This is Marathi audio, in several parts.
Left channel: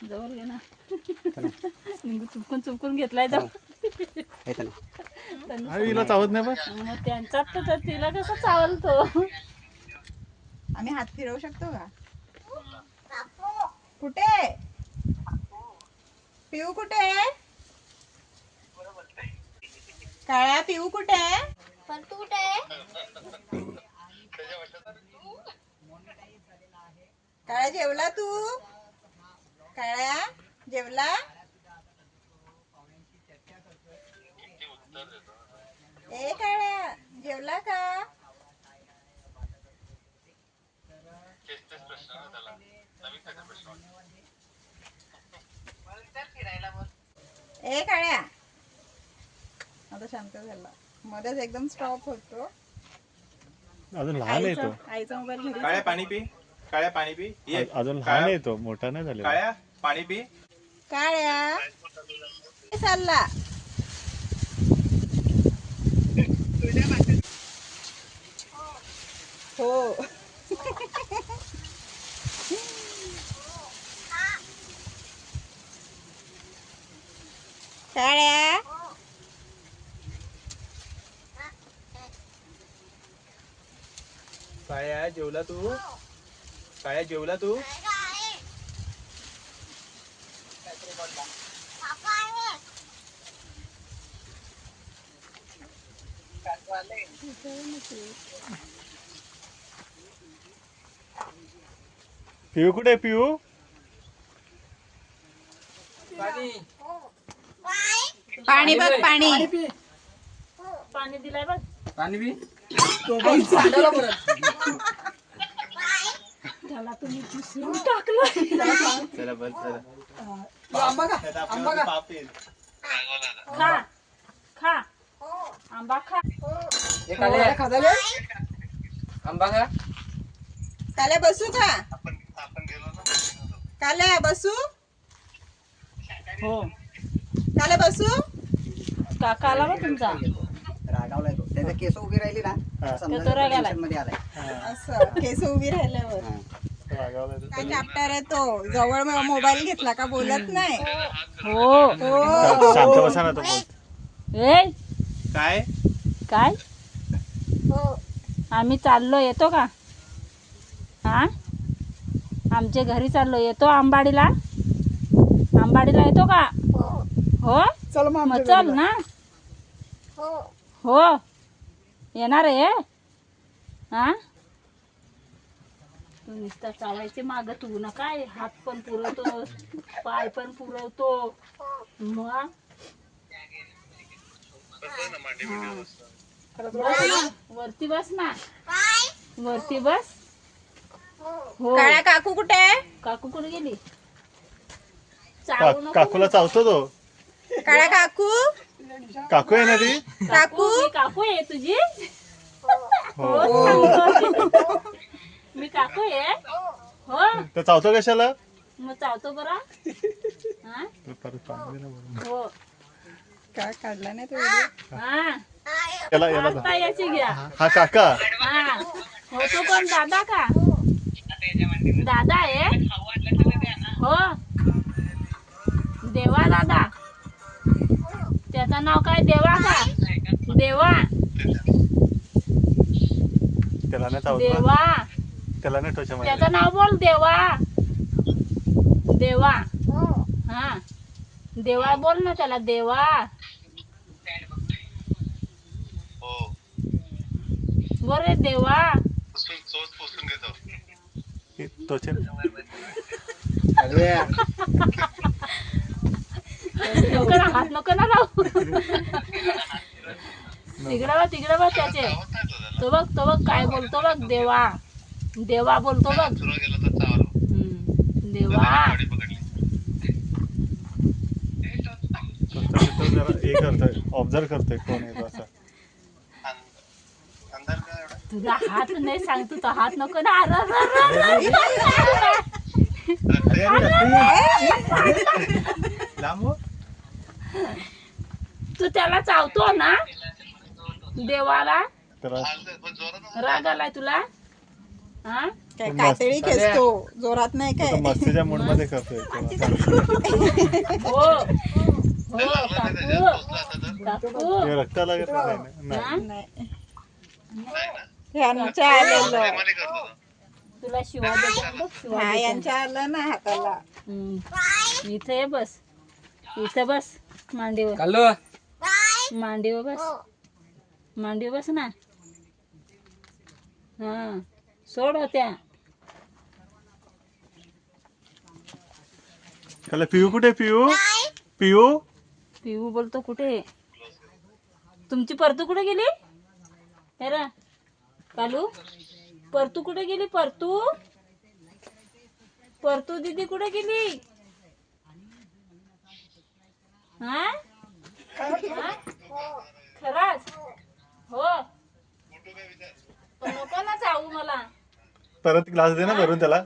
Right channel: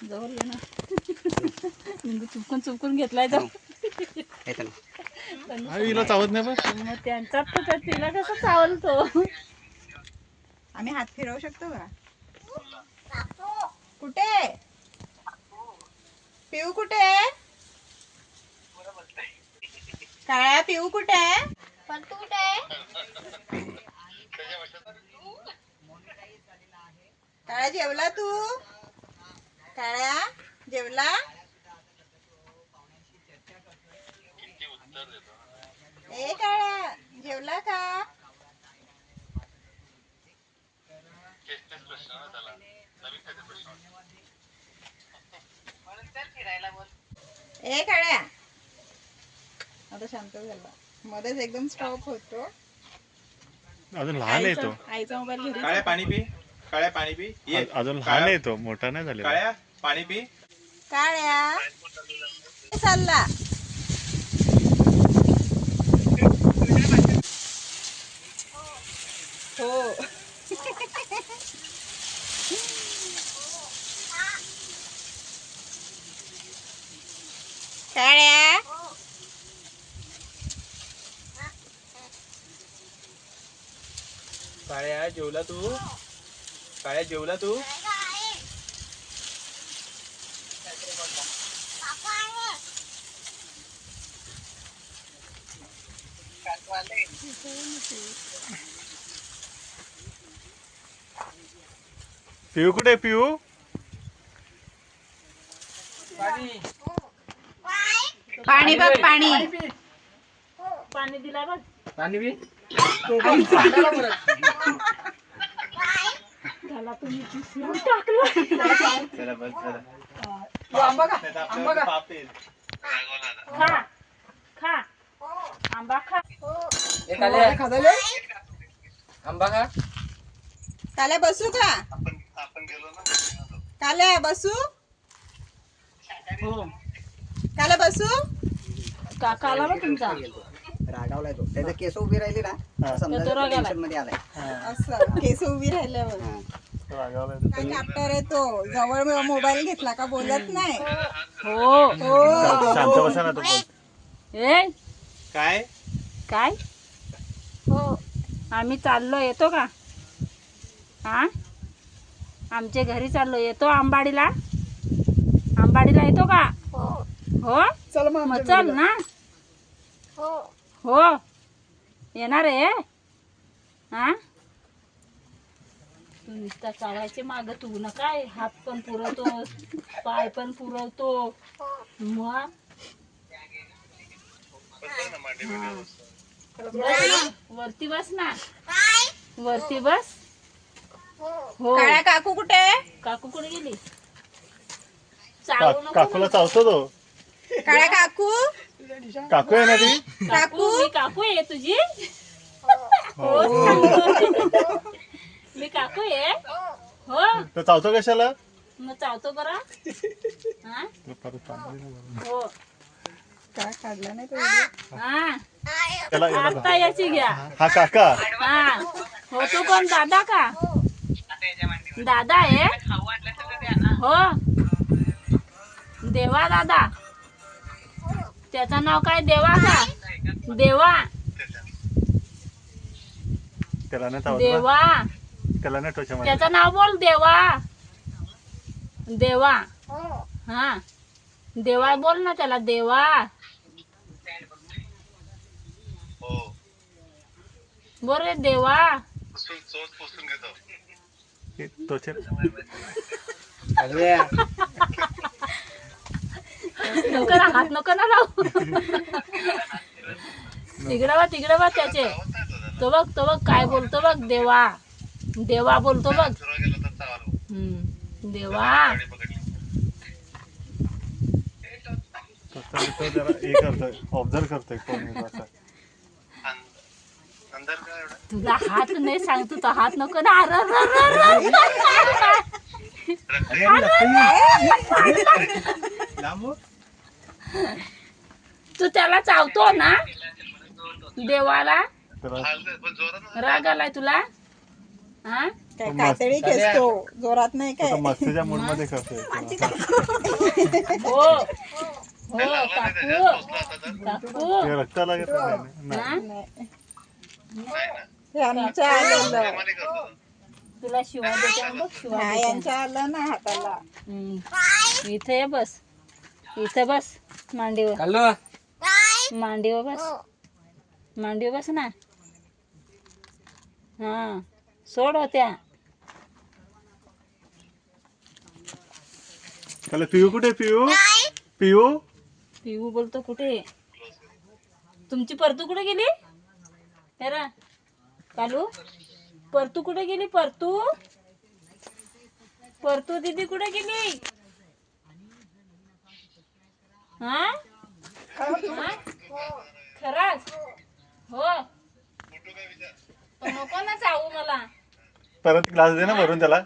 जवळ ये ना. लिंबू चुपकून चुपकून घेतलाय हिला चावत नाही पण? मग त्यांच्यात तर तिला कसं चावलतो? आम्ही हात फिरवू शकतो का? कुठे? पिऊ कुठे? आहे काळ्या पिऊ कुठे? आहे काळ्या जेवला तू? काळ्या जेवला? ए काळ्या जेवला का? ए काळ्या. आता शांत झाला. मध्येच एकदम स्टॉप होतो. अजून लहान आहे तो. आईचा- मोबाईल घरी काळ्या पाणी पी. काळ्या पाणी पी. ये. अजून लहान आहे तो. मोठा नाही झालेला. काळ्या? पाणी पी काळ्या. कुठे चालला हो. काळ्या. काळ्या जेवला तू? काळ्या जेवला तू? पिऊ कुठे पिऊ पाणी बघ पाणी. पाणी दिलाय बघ. झाला तुम्ही टाकलं. खा खा. आंबा खा. आंबा का काल्या बसू का काल्या बसू. हो. काल्या बसू. काका आला बघ तुमचा? रागावलाय तो. त्याचे केस उभी राहिली ना हा. समजा तो मध्ये आलाय. असं केस उभी राहिल्यावर. हा. तो. काय चॅप्टर आहे तो? जवळ मोबाईल घेतला का बोलत नाही? हो. हो. शांत बसा ना तो. ए? काय? काय? आम्ही चाललो येतो का? हा? आमच्या घरी चाललो येतो आंबाडीला? आंबाडीला येतो का? हो. चल मग चल ना. हो. येणार आहे हा? नुसता चालायचे माग तू ना काय? हात पण पुरवतो पाय पण पुरवतो. मग? हा. वरती बस ना. वरती बस. हो. काकू कुठे? आहे? काकू कुठे गेली? नको काकूला चावतो तो. काळ्या काकू? काकू आहे ना ती? काकू काकू? आहे तुझी? हो. सांगतो. मी काकू आहे. हो. तर चावतो कशाला? मग चावतो बरा. हा. हो. काय काढला नाही तो? video? हा. याला याला धर. आता याची घ्या. हा काका. हा. हो तो पण दादा का? दादा आहे. हो. देवा दादा. त्याचं नाव काय? देवा का? देवा. त्याला नाही चावत देवा. त्याला मारला. त्याचं नाव बोल देवा. देवा. हा. देवा बोल ना त्याला देवा. बोल रे देवा. हे नको ना हात नको ना लावू. तिकडे बघ तिकडे बघ त्याचे. तो बघ तो बघ काय बोलतो बघ देवा. देवा बोलतो बघ. हम्म. देवा. फक्त तिथं जरा हे करतोय ऑब्झर्व करतोय कोण आहे तो असा. तुला हात नाही सांगतो तो हात नको ना. अरे, अरे, अरे, अरे. लांब. हो. तू त्याला चावतो ना. देवाला. त्याला राग आलाय तुला? हा? काय कातळी खेचतो जोरात नाही तो काय? मस्तीच्या मूडमध्ये करतोय. हो. हो काकू. काकू. ते रक्ताला घेत नाही. नाही. नाही. आमच्या आलेलं. तुला शिवा देते बघ शिवा हा देते. यांच्या आलं ना हाताला. हम्म. इथं ये बस. इथं बस मांडीवर. हॅलो. मांडीवर बस. मांडीवर बस ना. हा. सोड होत्या त्याला पिऊ कुठे पिऊ? पिऊ? पिऊ बोलतो कुठे? तुमची परतू कुठे गेली? हेरा कालू परतू कुठे गेली परतू? परतू दीदी कुठे गेली? हा? हा? खरंच? हो. पण नको ना चावू मला. परत ग्लास दे ना भरून त्याला.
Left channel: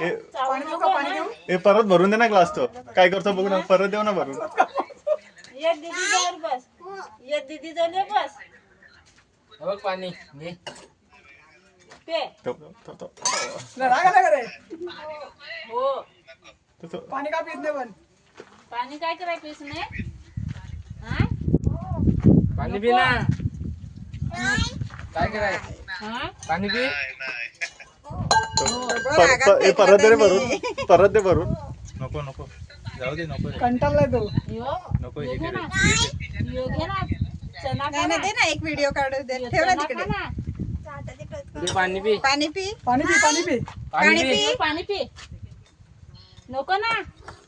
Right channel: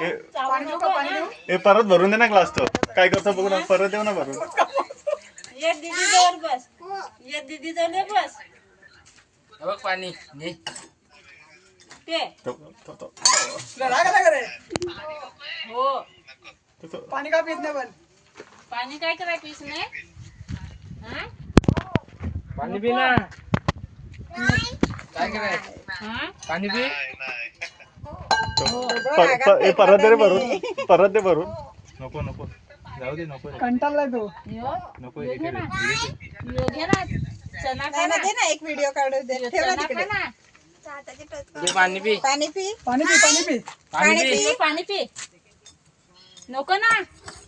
ए चावू नको ना. ए, परत भरून दे ना ग्लास तो. काय करतो बघू ना परत देऊ ना भरून. ये दीदी जवळ बस. ये दीदी जवळ ये बस बघ पाणी घे. ते. तो- तो- तो- हो. तो- तो- पाणी का पित नाही पण? पाणी काय करायचं पिस नाही हा? पाणी पी ना. काय कराय हा पाणी पी पर- पर- ए, परत दे रे भरून. परत दे भरून. नको नको. जाऊ दे नको कंटाळला तो यो नको यो घे ना. यो घे ना. चना नाही खा ना. ना दे ना एक व्हिडिओ काढू. दे यो ठेव ना चना तिकडे. ना. घे पाणी पी. पाणी पी. पाणी पाणी पी. पी. यो पाणी पी. नको ना.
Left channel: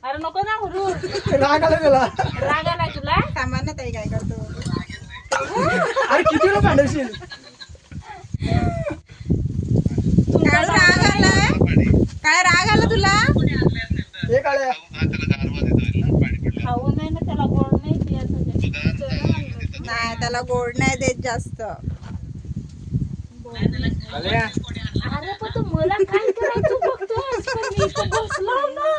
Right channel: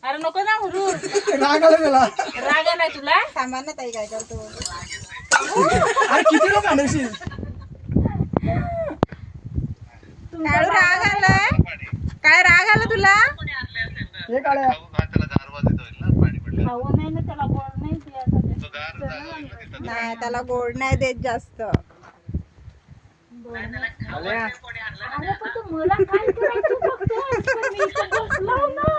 अरे नको ना हुरू. राग आला तुला राग आलाय तुला? सामान ताई काय करतो. अरे कितीला भांडवशील काळू राग आलाय काय राग आला तुला हे काळ्या खाऊ नाही ना त्याला गोड नाही पियासाठी नाही त्याला गोड नाही देत जास्त. आल्या? अरे पण तू मला काय करायचं बघतोस पण मी इथं बसलो ना.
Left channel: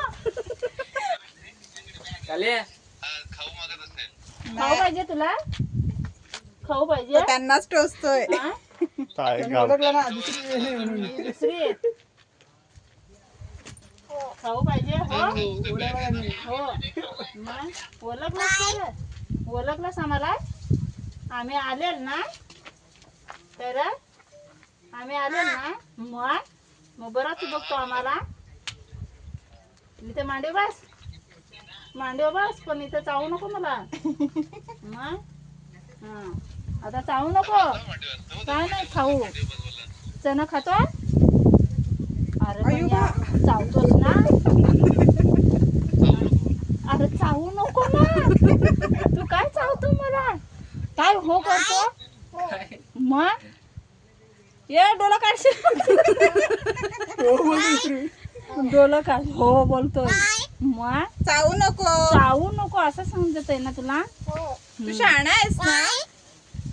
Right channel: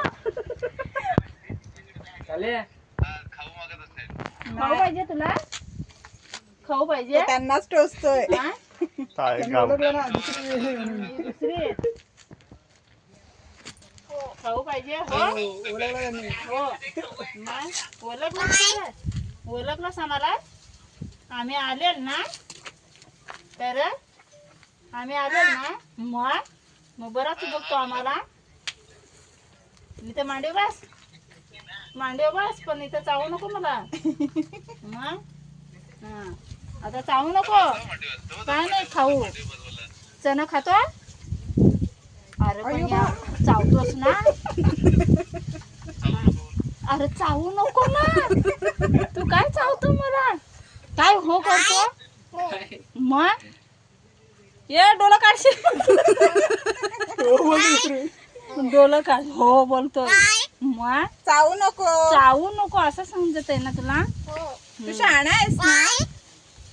आल्या? खाऊ पाहिजे तुला? खाऊ पाहिजे? तो त्यांनाच टोचतोय. हा? काय गाव ओळखलं ना दुसरी दुसरी आहे. खाऊ पाहिजे हो? हो. मग? ओळखलंस आम्हाला? आम्ही आलेल ना? तर आम्ही आलेल ना? मग? मग बराच बघतो आम्हाला. इथे मांडव बस. मांडव बस पण इथं चावू नको मला. मग? हा. आता चावू नको. काय नाही खाऊ. चणा खातो अरे पण या- चावतोस ना? अरे चावू नको ना तू काय चावतो मला? काय हो करतो? मग? ये डोलं काढशील. डोलं काढ. हो बोलतोय. मग? चावू नको. चावू नको असं समजत आहे ना तुला? तू शहाणा आहेस ना?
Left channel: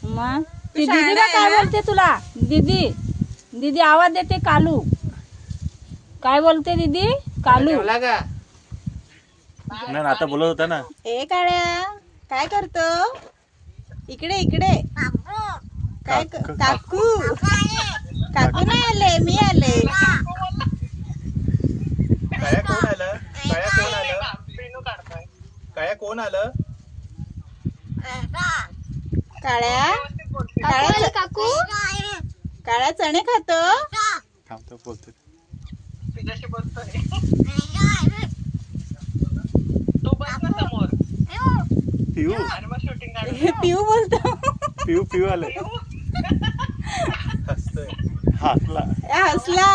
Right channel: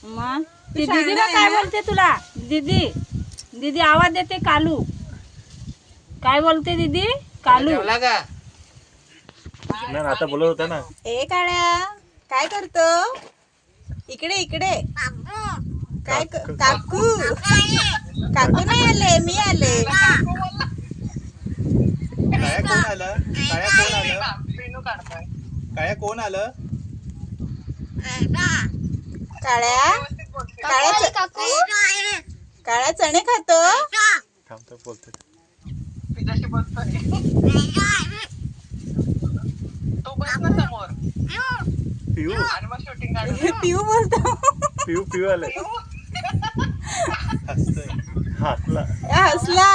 मग? ती दीदी का काय बोलते तुला? दीदी. दीदी आवाज देते कालू. काय बोलते दीदी? कालू. आता बोलत होता ना. ए काळ्या. काय करतो? इकडे इकडे. काय क- काकू. काकू. नाही आले मी आले. काया कोण आलं? काया कोण आलं? काया कोण आलं? काळ्या? काळ्या काकू. काळ्या चणे खातो? थांबतो बोलते पिऊ. पिऊ बोलतो. पिऊ पिऊ आले. हसतोय. हातला ए, हसला.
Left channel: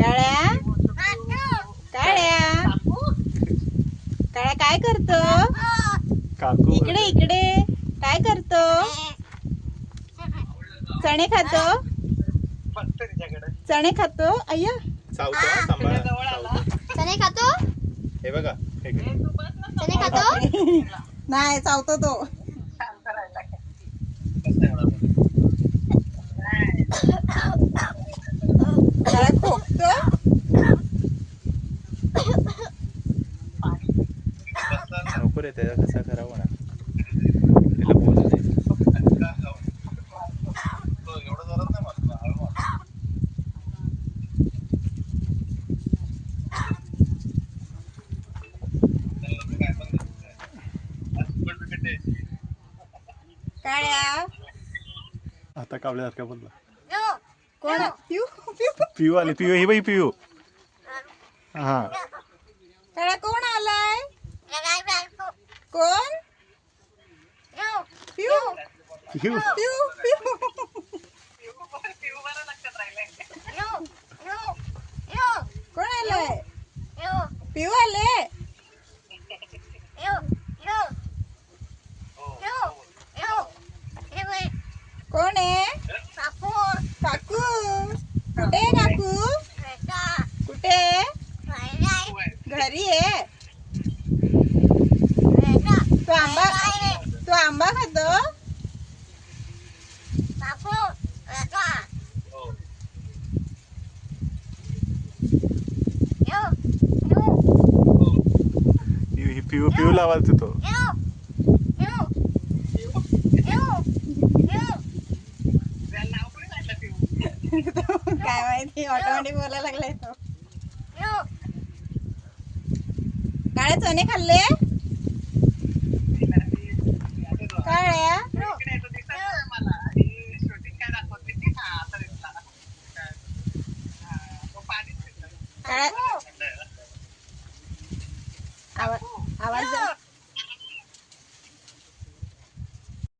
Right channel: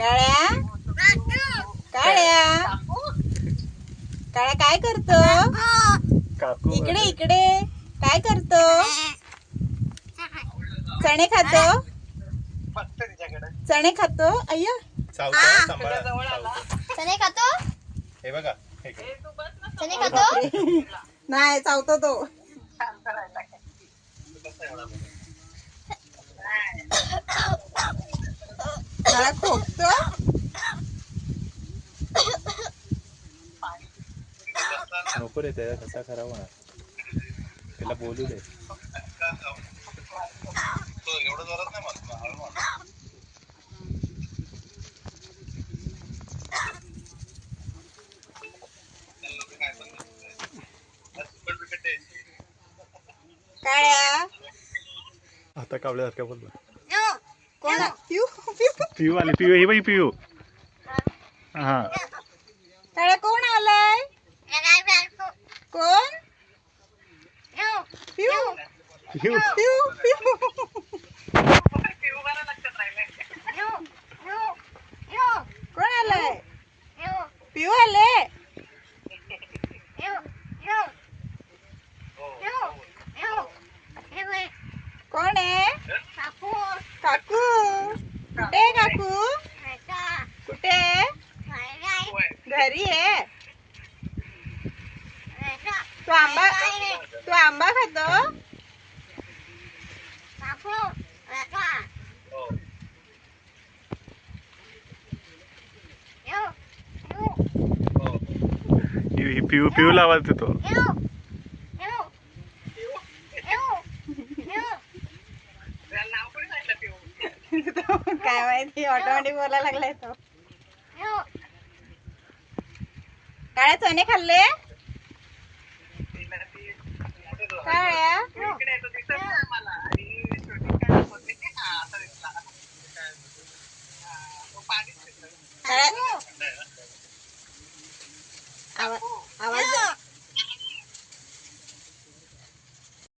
काळ्या. काळ्या. काळ्या काय करतो? काकू इकडे इकडे. काय करतो? चणे खातो? चणे खातो? अय्या. चणे खातो हे बघा हे घे. चणे खातो? नाही चावतो तो. काळा खोकतो नको रे त्याचा कसा करावा. ना काळ्या आता कावल्यासारख्या बोलला कोण? पिऊ आली पिऊ ही बाई पिऊ. हा. काळ्या कोण आलाय कोण? पिऊ. पिऊ. पिऊ पिऊ. कोण आलाय पिऊ आले? पिऊ पिऊ पिऊला आवाज काय माहिती ऑटोमॅटिक बोलायला लागलाय तो. काय चणे खाल्ले?